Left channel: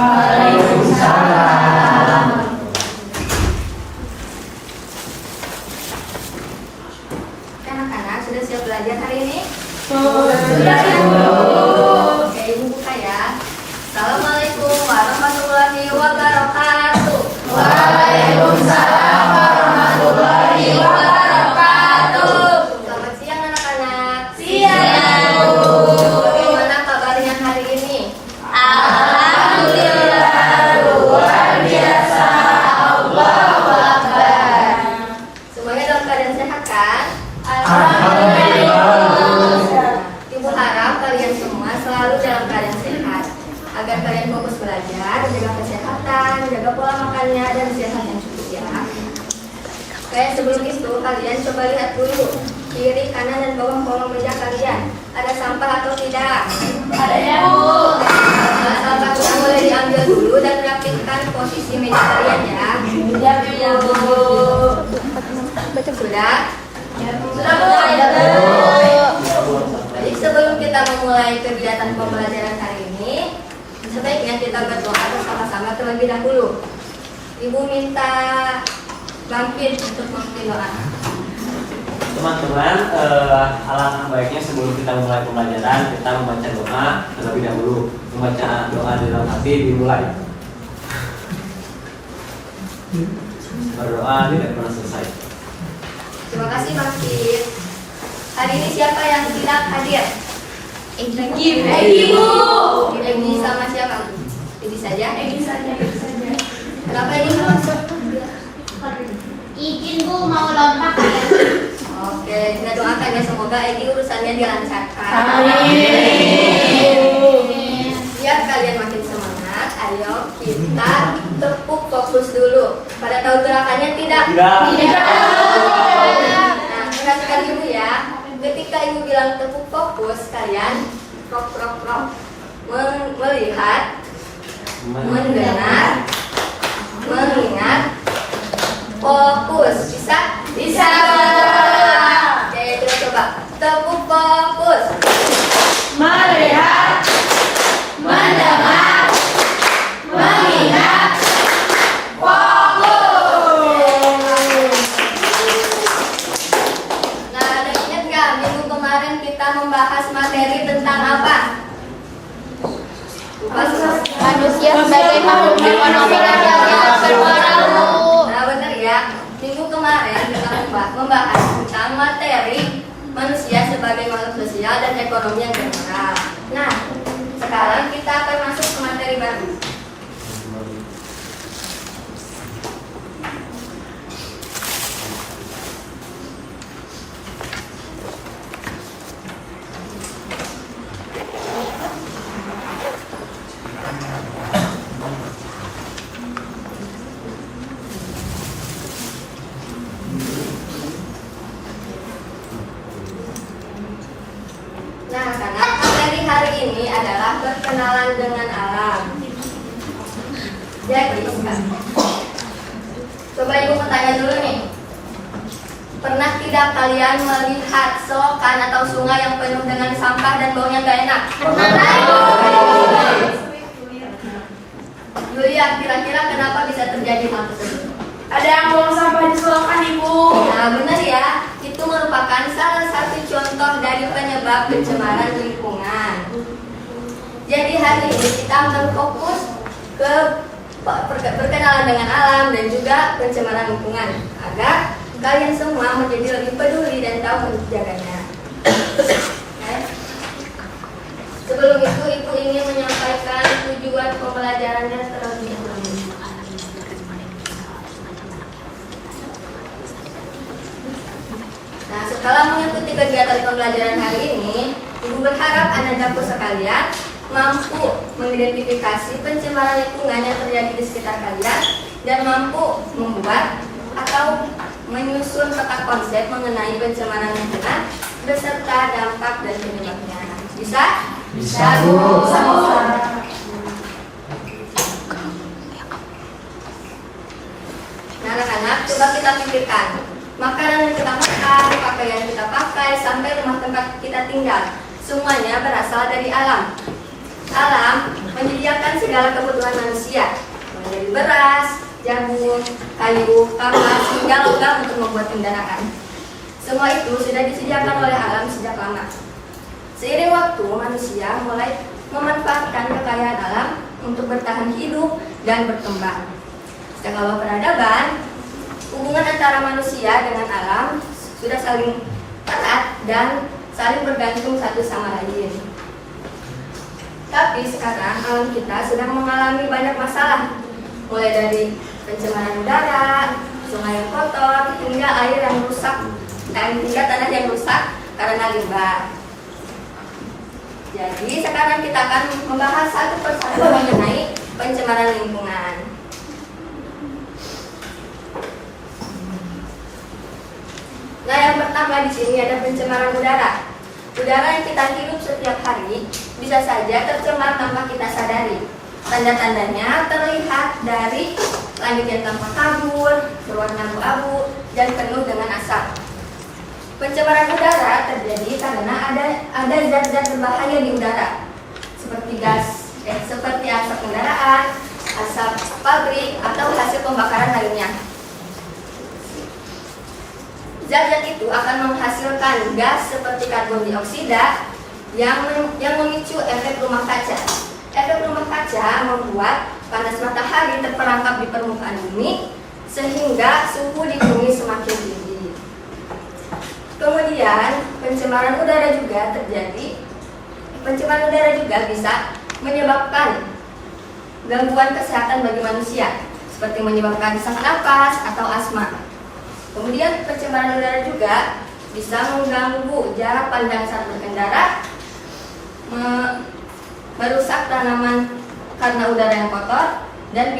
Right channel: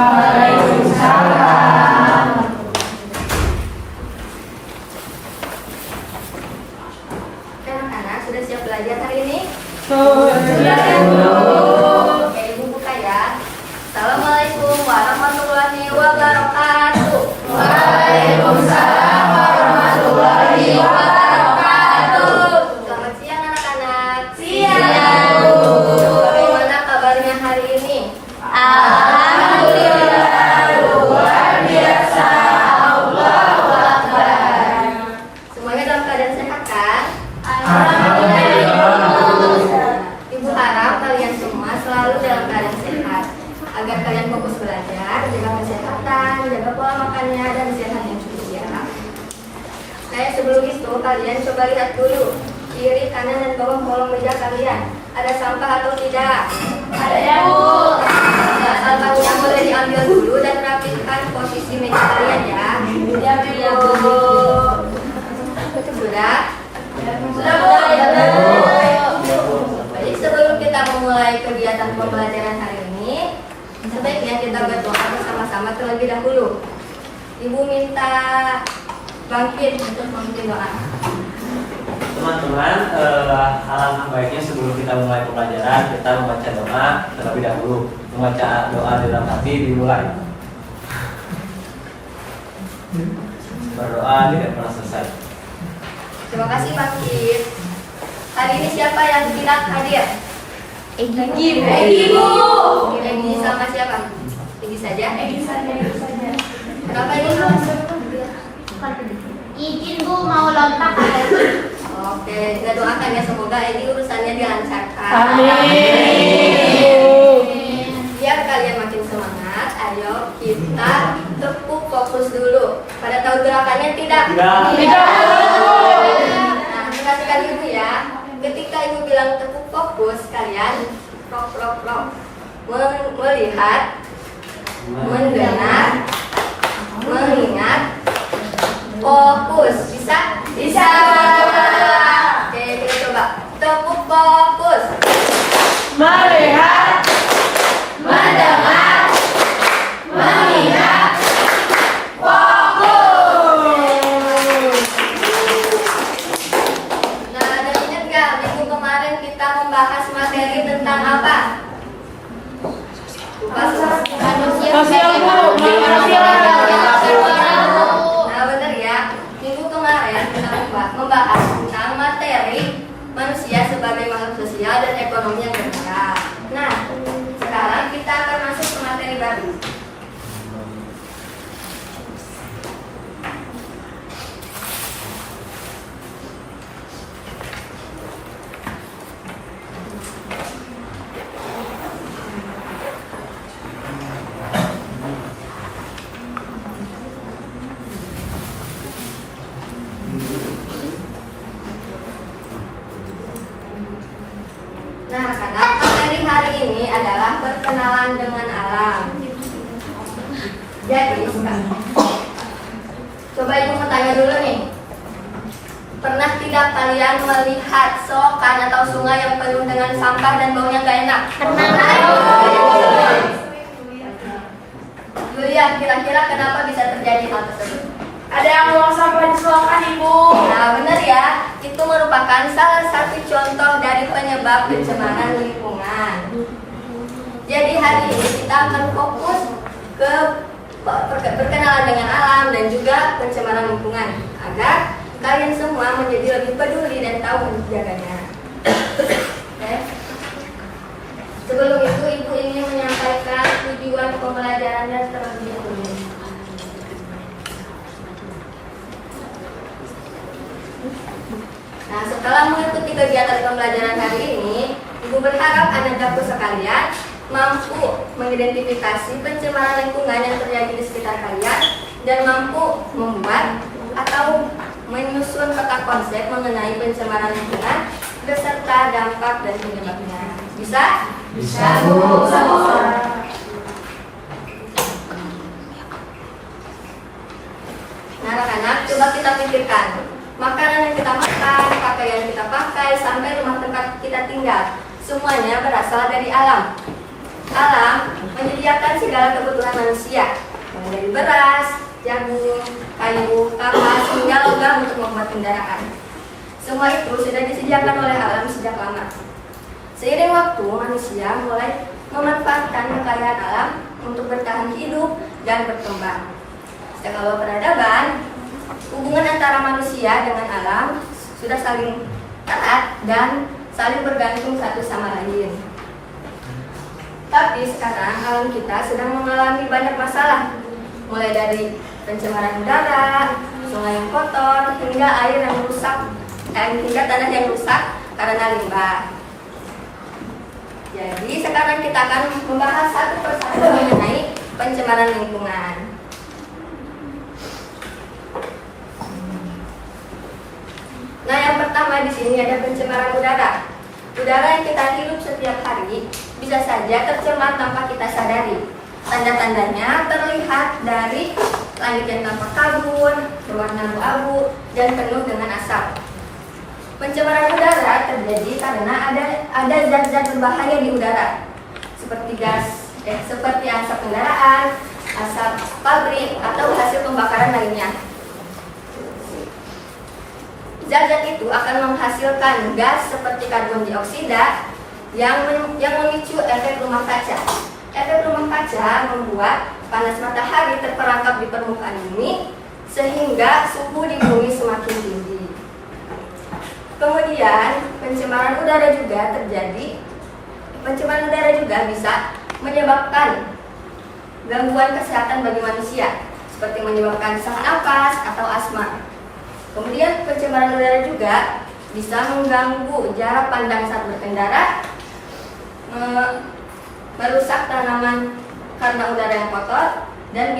Waalaikumsalam. Anak-anak sudah siap belajar hari ini? Sudah, Bu. Oke, Ibu buka ya. Assalamualaikum warahmatullahi wabarakatuh. Waalaikumsalam warahmatullahi wabarakatuh. Selamat siang anak-anak. Siang, Bu. Bagaimana kabarnya hari ini? Alhamdulillah, luar biasa. Allahu Akbar. Semuanya dalam keadaan sehat kan? Alhamdulillah. Ibu harap kalian semua selalu dalam keadaan sehat agar kalian fokus belajar, jaga kesehatan, jaga pola makannya dan istirahat yang cukup ya. Kayak sebelum itu kalian coba lihat dulu kiri, kanan dan bawah kolong meja kalian. Ada sampah atau tidak? Ada ya, Bu. Nah, sampahnya boleh diambil dulu dan rapihkan posisi meja kalian ya. Iya, Bu. Sudah? Sudah, Bu. Baik, sebelum kita memulai kegiatan pembelajaran hari ini, sebaiknya kita berdoa bersama-sama terlebih dahulu. Ibu minta bangkit untuk memimpin doa. Teman-teman, alangkah baiknya sebelum kita memulai pembelajaran, kita membaca doa terlebih dahulu. Membaca doa di dalam hati dimulai. Berdoa tidak pernah selesai. Terima kasih Bangkit. Hari ini siapa yang tidak hadir? Egi, Bu. Egi sama siapa? Egi saja? Egi saja. Kenapa Egi belum masuk? Izin Bu, mau lompat ya. Oke, kita doakan ya semoga Egi urusannya dilancarkan. Amin. Biar kalian makin semangat, ayo kita tepuk fokus dulu. Pada tahu gerakannya tidak? Nah, perhatikan ibu ya. Ketika ibu bilang tepuk fokus, kalian prok. Melihat, mendengar, mengingat, fokus. Bisa? Bisa. Oke, kita coba tepuk fokus. Melihat, mendengar, mengingat, fokus. Nah, ada ingat nggak minggu kemarin kita membahas materi tentang apa? Lupa semua. Manusia sebagai makhluk Nah, benar ya. Minggu kemarin kita membahas tentang materi manusia sebagai makhluk sosial dan ekonomi yang bermoral. Nah, sekarang kita akan masuk ke materi baru. Nah, karena materi hari ini adalah perkenalan dengan alam. Jadi, coba ibu bertanya dulu nih. Pernah tidak kalian melihat selokan atau sungai yang penuh dengan sampah dan baunya nggak enak? Yulia, kira-kira kenapa bisa terjadi hal tersebut? Ada yang buang sampah di selokan, Ibu. Nah, benar ya. Itu merupakan salah satu contoh dari penyebab pencemaran lingkungan. Jadi hari ini kita akan fokus ke berkenalan dengan alam dan juga pencemaran lingkungan agar kalian semua menjadi lebih peduli dan tahu menjaganya. Oke. Sebelum itu, ibu ingin menyampaikan tujuan pembelajaran dan strategi ekonomi. Nah, setelah mengikuti kegiatan pembelajaran hari ini, ibu berharap anak-anakku sekalian mampu mengidentifikasi pencemaran lingkungan yang terjadi di sekitar kalian dan mampu membuat atau menyusun peta konsep mengenai pencemaran lingkungan beserta dampak dan penyebabnya. Bisa? Bisa, Bu. Nah, anak-anak, coba kita pikirkan. Makanan yang kita makan, pakaian yang kita pakai, sampai rumah tempat kita tinggal, semuanya berasal dari alam. Alam menyediakan segala kebutuhan manusia, mulai dari beras, jagung, kayu, kapas, hingga logam untuk membuat kendaraan. Semua itu sudah disediakan oleh alam sejak lama. Seiring waktu, manusia mulai memanfaatkan kekayaan alam untuk bertahan hidup dan berkembang. Sejak awal peradaban, hubungan antara manusia dengan alam sudah saling erat dan saling bergantung satu sama lain. Tapi sekarang alam kita sedang mengalami banyak masalah, mulai dari pencemaran udara, sungai yang kotor, hingga air yang rusak, hingga tanah yang rusak karena limbah. Jadi sekarang kita akan membahas satu persatu mengenai pencemaran lingkungan. Nah, yang pertama di sini ada pencemaran udara. Udara yang kita hirup setiap hari bisa saja tercemar tanpa kita sadari. Tanda-tandanya terlihat dari langit yang tampak kabut, berwarna abu-abu, dan penuh dengan asap. Pencemaran udara terjadi karena ada zat-zat berbahaya di udara, seperti asap kendaraan, asap pabrik, atau hasil pembakaran lainnya. Zat-zat itu akan menghasilkan gas seperti karbon dioksida yang memicu efek rumah kaca. Efek rumah kaca membuat panas matahari terperangkap di permukaan bumi sehingga suhu di bumi semakin tinggi. Kemudian pencemaran udara juga terjadi. Pencemaran udara juga bisa menyebabkan gangguan kesehatan bagi manusia, seperti menyebabkan sesak napas atau asma. Kemudian pencemaran udara juga bisa mengganggu jarak pandang saat berkendara, merusak tanaman karena udara yang kotor, dan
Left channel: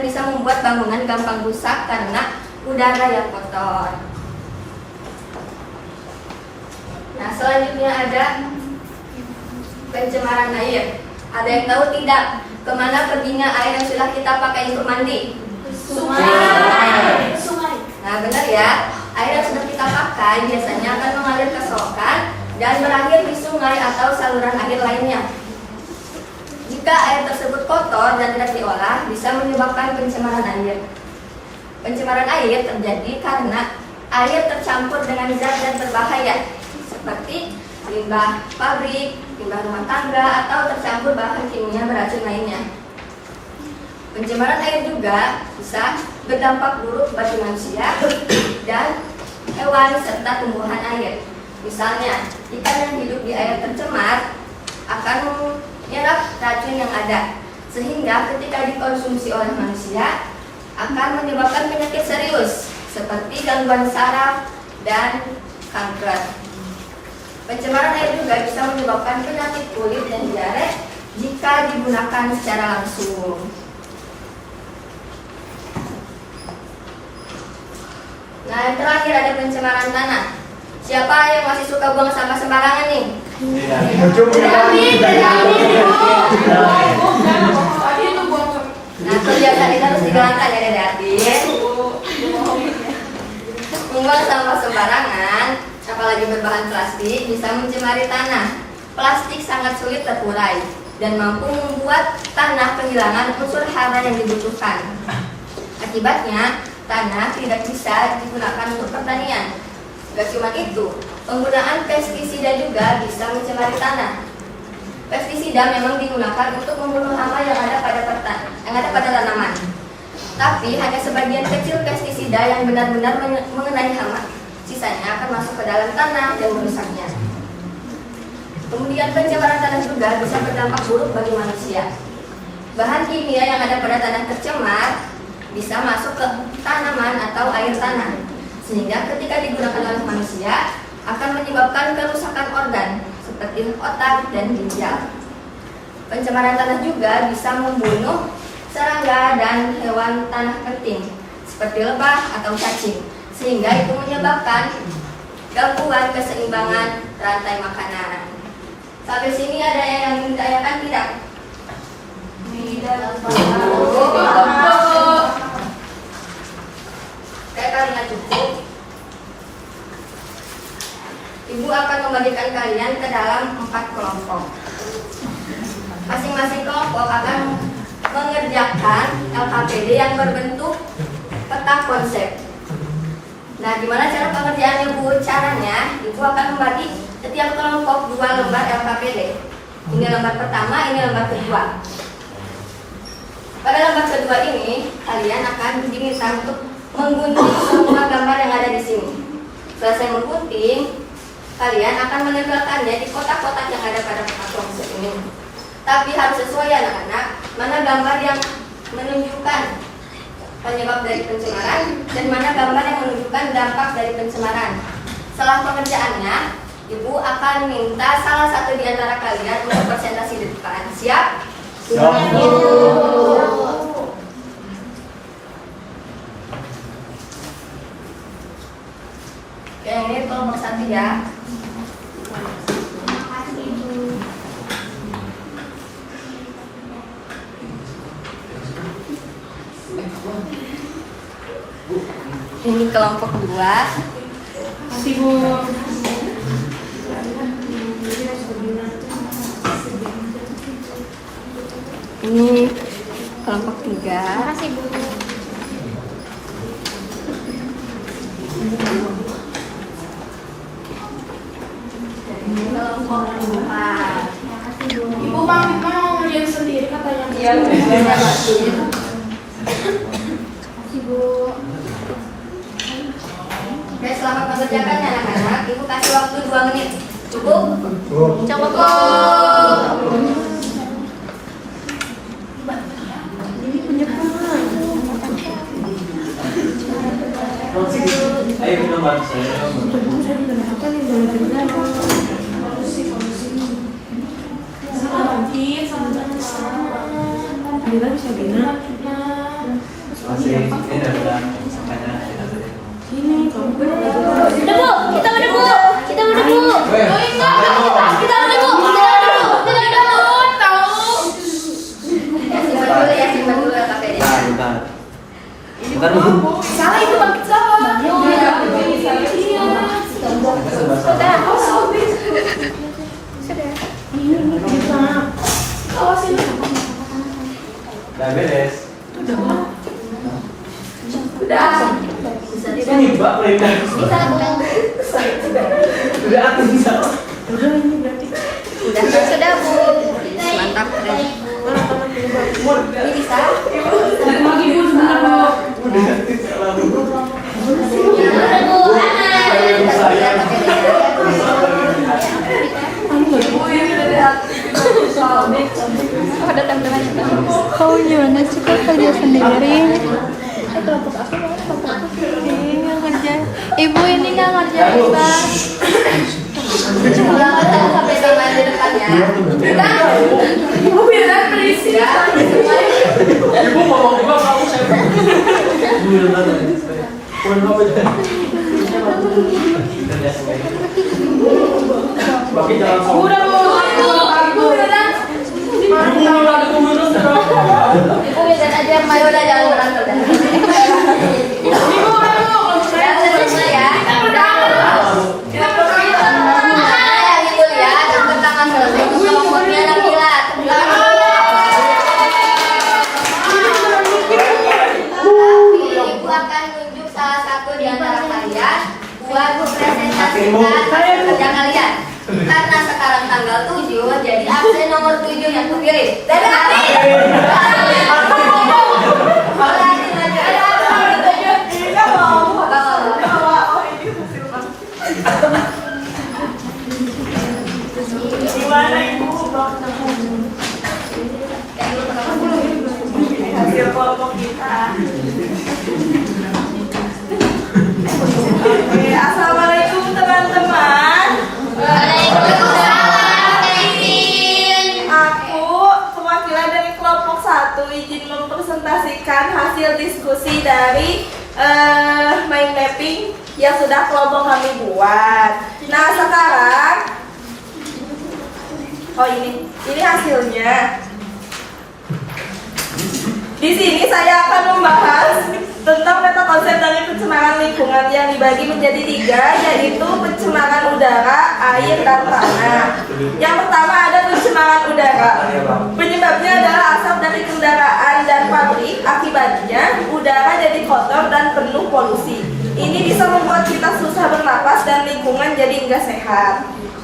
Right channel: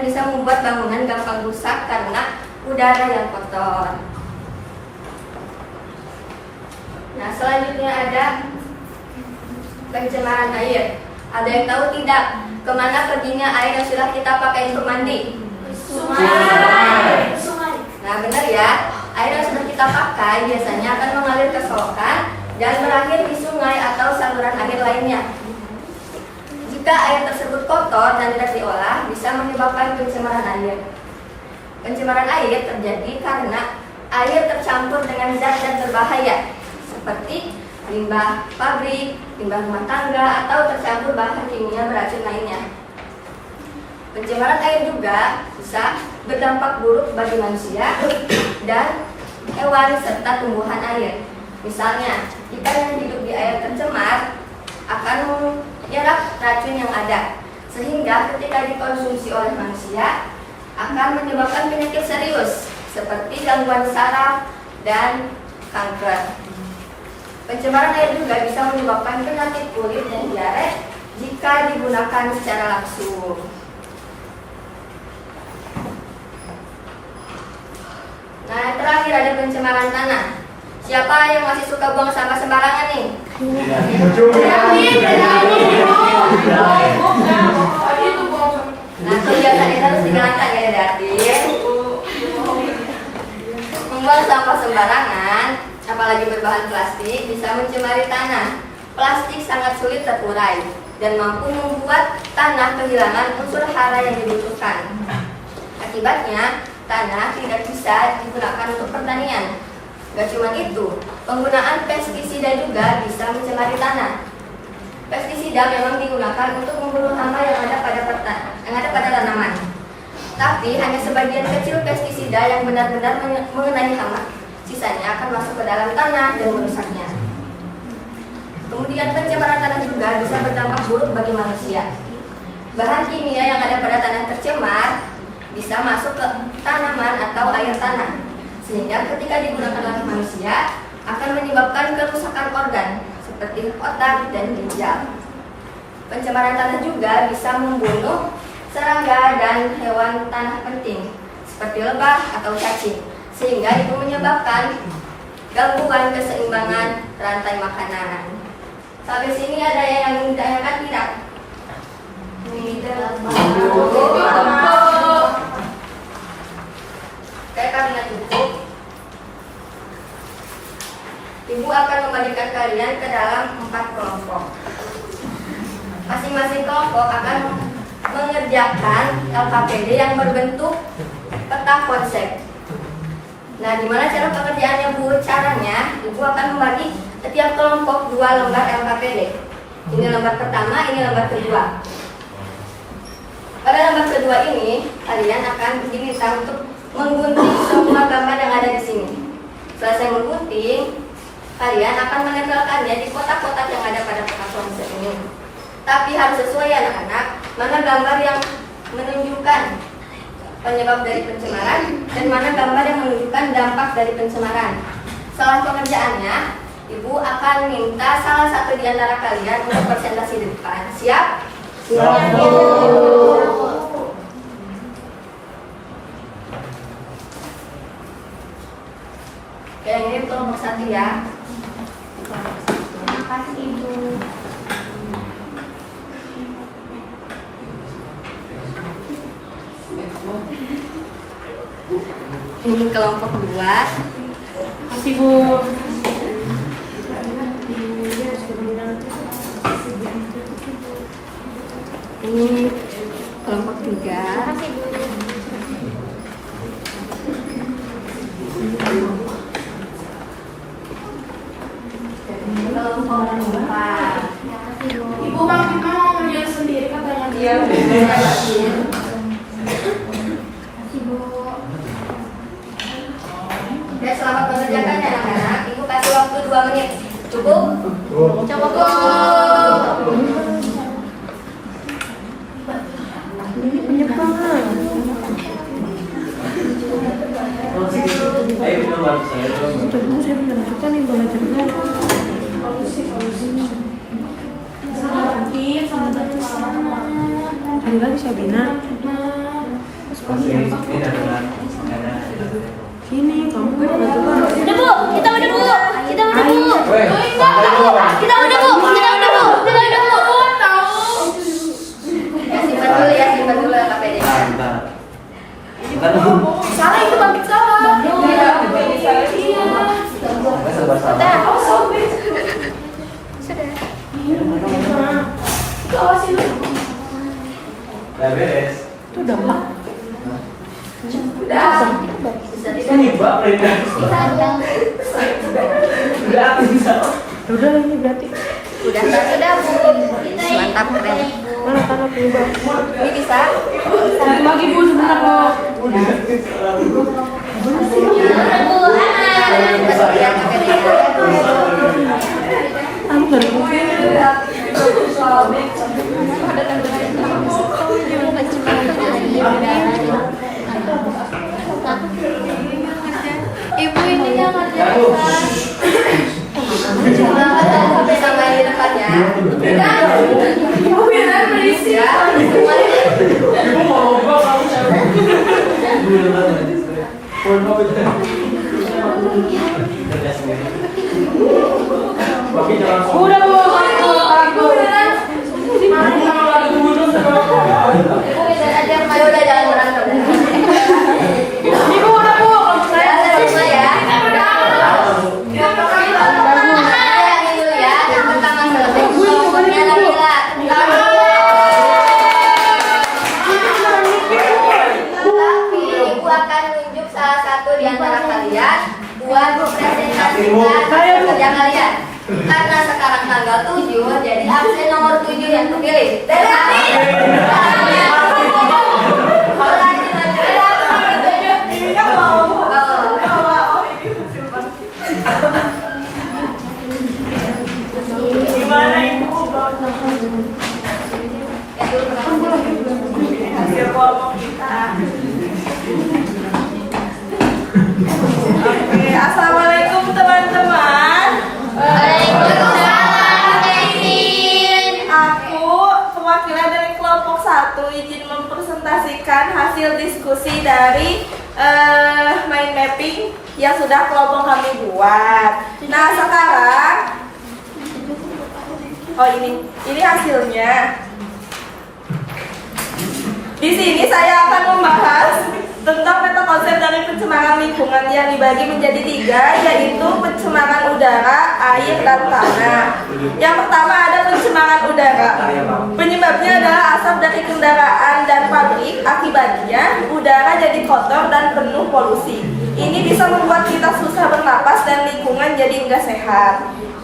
bisa membuat bangunan gampang rusak karena udara yang kotor. Nah, selanjutnya ada pencemaran air. Ada yang tahu tidak kemana perginya air yang sudah kita pakai untuk mandi? Sungai. Nah, benar ya. Air yang sudah kita pakai biasanya akan mengalir ke selokan dan berakhir di sungai atau saluran air lainnya. Jika air tersebut kotor dan tidak diolah, bisa menyebabkan pencemaran air. Pencemaran air terjadi karena air tercampur dengan zat-zat berbahaya, seperti limbah pabrik, limbah rumah tangga, atau tercampur bahan kimia beracun lainnya. Pencemaran air juga bisa berdampak buruk bagi manusia dan hewan serta tumbuhan air. Misalnya, ikan yang hidup di air tercemar akan menyerap racun yang ada, sehingga ketika dikonsumsi oleh manusia akan menyebabkan penyakit serius seperti gangguan saraf dan kanker. Pencemaran air juga bisa menyebabkan penyakit kulit dan diare jika digunakan secara langsung. Nah, yang terakhir ada pencemaran tanah. Siapa yang masih suka buang sampah sembarangan nih? Nah, kebiasaan itu harus digalakkan ya, Dedadin. Membuang sampah sembarangan, apalagi berbahan plastik, bisa mencemari tanah. Plastik sangat sulit terurai dan mampu membuat tanah kehilangan unsur hara yang dibutuhkan. Akibatnya, tanah tidak bisa digunakan untuk pertanian. Gak cuma itu, penggunaan pestisida juga bisa mencemari tanah. Pestisida memang digunakan untuk membunuh hama yang ada pada tanaman. Tapi hanya sebagian kecil pestisida yang benar-benar mengenai hama. Sisanya akan masuk ke dalam tanah dan merusaknya. Kemudian pencemaran tanah juga bisa berdampak buruk bagi manusia. Bahan kimia yang ada pada tanah tercemar bisa masuk ke tanaman atau air tanah, sehingga ketika digunakan oleh manusia akan menyebabkan kerusakan organ seperti otak dan ginjal. Pencemaran tanah juga bisa membunuh serangga dan hewan tanah penting seperti lebah atau cacing, sehingga itu menyebabkan gangguan keseimbangan rantai makanan. Sampai sini ada yang ingin ditanyakan tidak? Tidak. Karena cukup, Ibu akan membagikan kalian ke dalam 4 kelompok. Masing-masing mengerjakan LKPD yang berbentuk peta konsep. Nah, gimana cara pengerjaannya Bu? Caranya, Ibu akan membagi setiap kelompok 2 lembar LKPD. Ini lembar pertama, ini lembar kedua. Pada lembar kedua ini, kalian akan diminta untuk menggunting semua gambar yang ada di sini. Setelah saya menggunting, kalian akan menempelkannya di kotak-kotak yang ada pada peta konsep ini. Tapi harus sesuai anak-anak, mana gambar yang menunjukkan penyebab dari pencemaran dan mana gambar yang menunjukkan dampak dari pencemaran. Setelah pengerjaannya, Ibu akan minta salah satu di antara kalian untuk presentasi di depan. Siap? Siap. Oke, ini kelompok 1 ya. Terima kasih Ibu. Ini kelompok 2. Kasih Bu. Ini kelompok 3. Kelompok 4. Ibu mau yang sendiri katanya. Iya, udah. Oke, selamat mengerjakannya anak-anak. Ibu kasih waktu 2 menit. Cukup? Cukup. Ayo kita bantu saya. Saya tidak menentukan yang boleh cerita. Ada lagi Sabina. Masih ini adalah Sini, kamu Udah Bu, kita udah Bu. Kita udah Bu. Kita udah Bu. Ya, simpan dulu LKPD. Bentar dulu. salah itu bangkit salah. Sudah. Udah beres. Bisa tidak? Ini Mbak Brenda. Udah aku bisa. Udah ini berarti. Sudah Bu. Mantap, keren. Ini bisa? Bagi Bu sebentar Bu. Udah Bu, anak. Cepat lihat LKPD-nya. Kau jangan suka kerja sendiri. Ibu ini yang ngerjain. Pulang ketemu sampai sama di depan ya. Ibu biar berisik ya. Ibu mau juga mau saya. Oke, jangan sombong. Udah Bu. Ibu bilang. Ya udah, jangan berantem. Ibu udah Bu. Ya, udah selesai ya. Yang itu ya, yang pertama selesai. Kelompoknya Nabila. Tapi Ibu akan tunjuk salah satu di antara kalian buat mempresentasikan hasil kerja kalian. Karena sekarang tanggal 7, jadi absen nomor 7 yang kepilih. Hasil kelompok kita. Oke, assalamualaikum teman-teman. Aku perwakilan dari kelompok 1 izin mempresentasikan hasil diskusi dari mind mapping yang sudah kelompok kami buat. Nah sekarang, ini hasilnya. Di sini saya akan membahas tentang meta konsep dari pencemaran lingkungan yang dibagi menjadi 3, yaitu pencemaran udara, air, dan tanah. Yang pertama ada pencemaran udara. Penyebabnya adalah asap dari kendaraan dan pabrik. Akibatnya udara jadi kotor dan penuh polusi. Ini bisa membuat kita susah bernapas dan lingkungan jadi enggak sehat.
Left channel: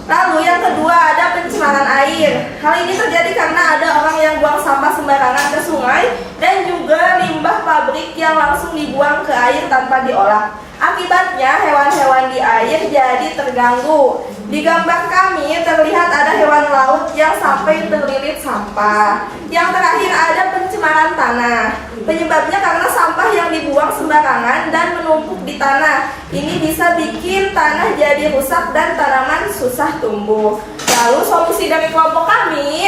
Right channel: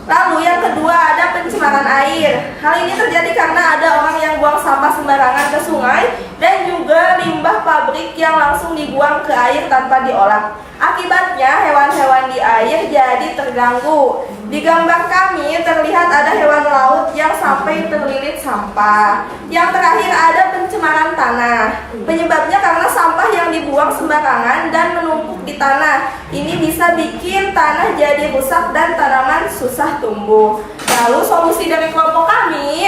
Lalu yang kedua ada pencemaran air. Hal ini terjadi karena ada orang yang buang sampah sembarangan ke sungai dan juga limbah pabrik yang langsung dibuang ke air tanpa diolah. Akibatnya hewan-hewan di air jadi terganggu. Di gambar kami terlihat ada hewan laut yang sampai terlilit sampah. Yang terakhir ada pencemaran tanah. Penyebabnya karena sampah yang dibuang sembarangan dan menumpuk di tanah. Ini bisa bikin tanah jadi rusak dan tanaman susah tumbuh. Lalu solusi dari kelompok kami,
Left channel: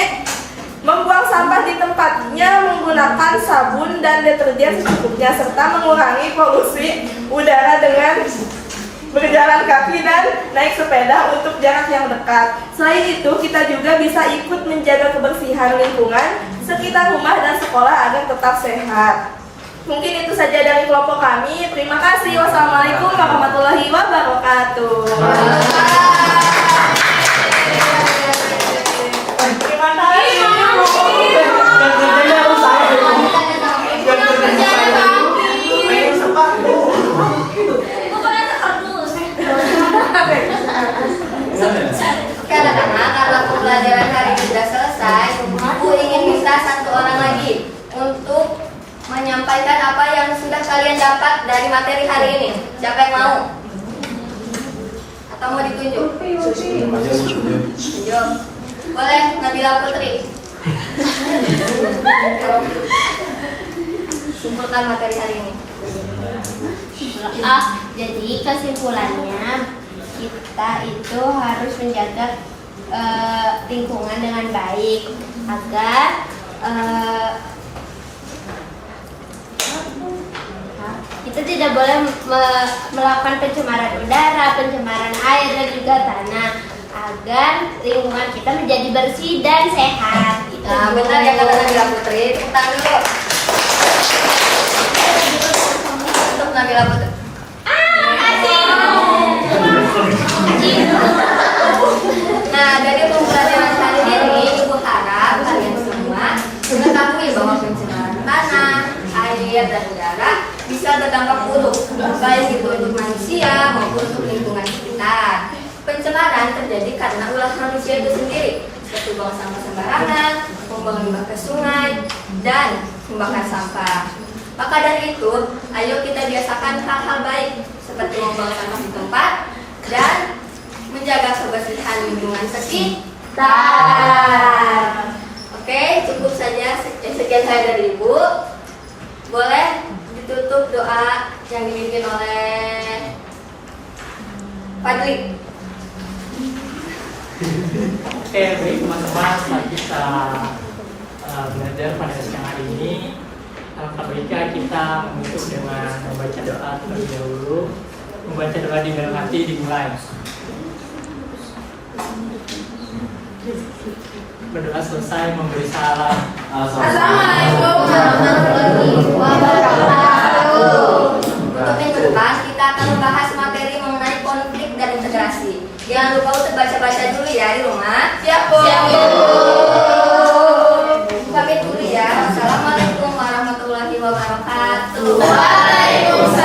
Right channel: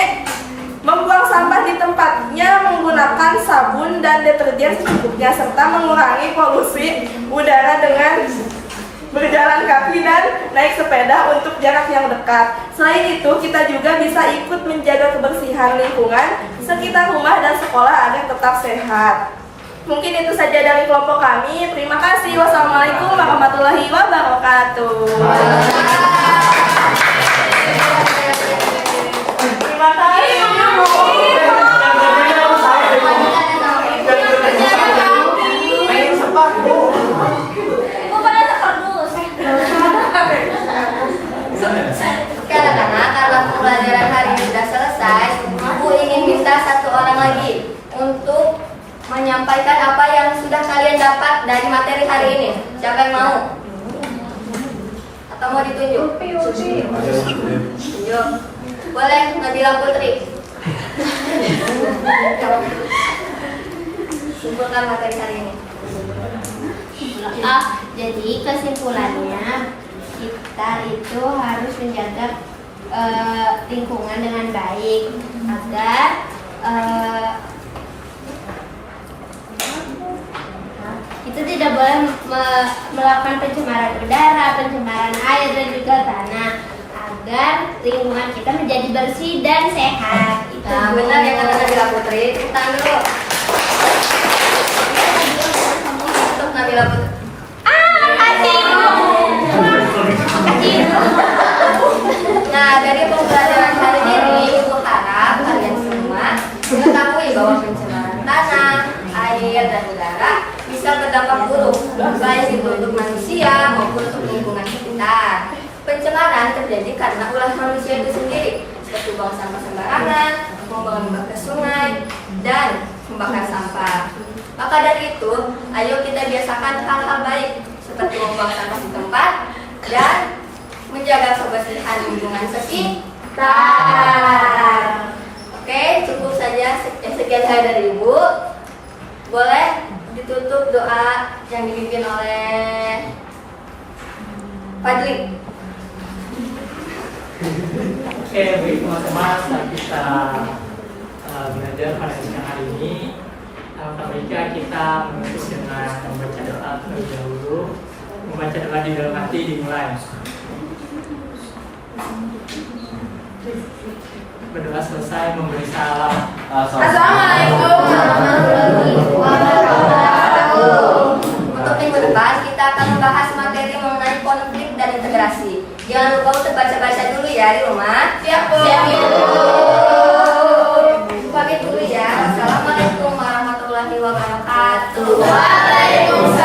membuang sampah di tempatnya menggunakan sabun dan deterjen secukupnya serta mengurangi polusi udara dengan berjalan kaki dan naik sepeda untuk jarak yang dekat. Selain itu, kita juga bisa ikut menjaga kebersihan lingkungan sekitar rumah dan sekolah agar tetap sehat. Mungkin itu saja dari kelompok kami. Terima kasih. Wassalamualaikum warahmatullahi wabarakatuh. Terima kasih. Oke anak-anak, karena pembelajaran hari ini sudah selesai, Ibu ingin minta satu orang lagi untuk menyampaikan apa yang sudah kalian dapat dari materi hari ini. Siapa yang mau? Atau mau ditunjuk? Tunjuk. Boleh, Nabila Putri. Simpulkan materi hari ini. Jadi kesimpulannya kita itu harus menjaga lingkungan dengan baik agar kita tidak boleh melakukan pencemaran udara, pencemaran air dan juga tanah agar lingkungan kita menjadi bersih dan sehat. Itu Nah, benar ya kata Nabila Putri. Tepuk tangan dulu. Untuk Nabila Putri. Nah, dari pembelajaran hari ini, Ibu harap kalian semua mengetahui bahwa pencemaran tanah, air, dan udara bisa berdampak buruk, baik itu untuk manusia maupun untuk lingkungan sekitar. Pencemaran terjadi karena ulah manusia itu sendiri, seperti buang sampah sembarangan, membuang limbah ke sungai, dan membakar sampah. Maka dari itu, ayo kita biasakan hal-hal baik, seperti membuang sampah di tempat, dan menjaga kebersihan lingkungan sekitar. Oke, cukup saja sekian saya dari Ibu. Boleh ditutup doa yang dipimpin oleh Fadli. Oke, baik teman-teman, setelah kita belajar pada siang hari ini, alangkah baiknya kita menutup dengan membaca doa terlebih dahulu. Membaca doa di dalam hati dimulai. Berdoa selesai memberi salam. Assalamualaikum warahmatullahi wabarakatuh. Untuk minggu depan kita akan membahas materi mengenai konflik dan integrasi. Jangan lupa untuk baca-baca dulu ya di rumah. Siap Bu. Pamit dulu ya. Wassalamualaikum warahmatullahi wabarakatuh. Waalaikumsalam.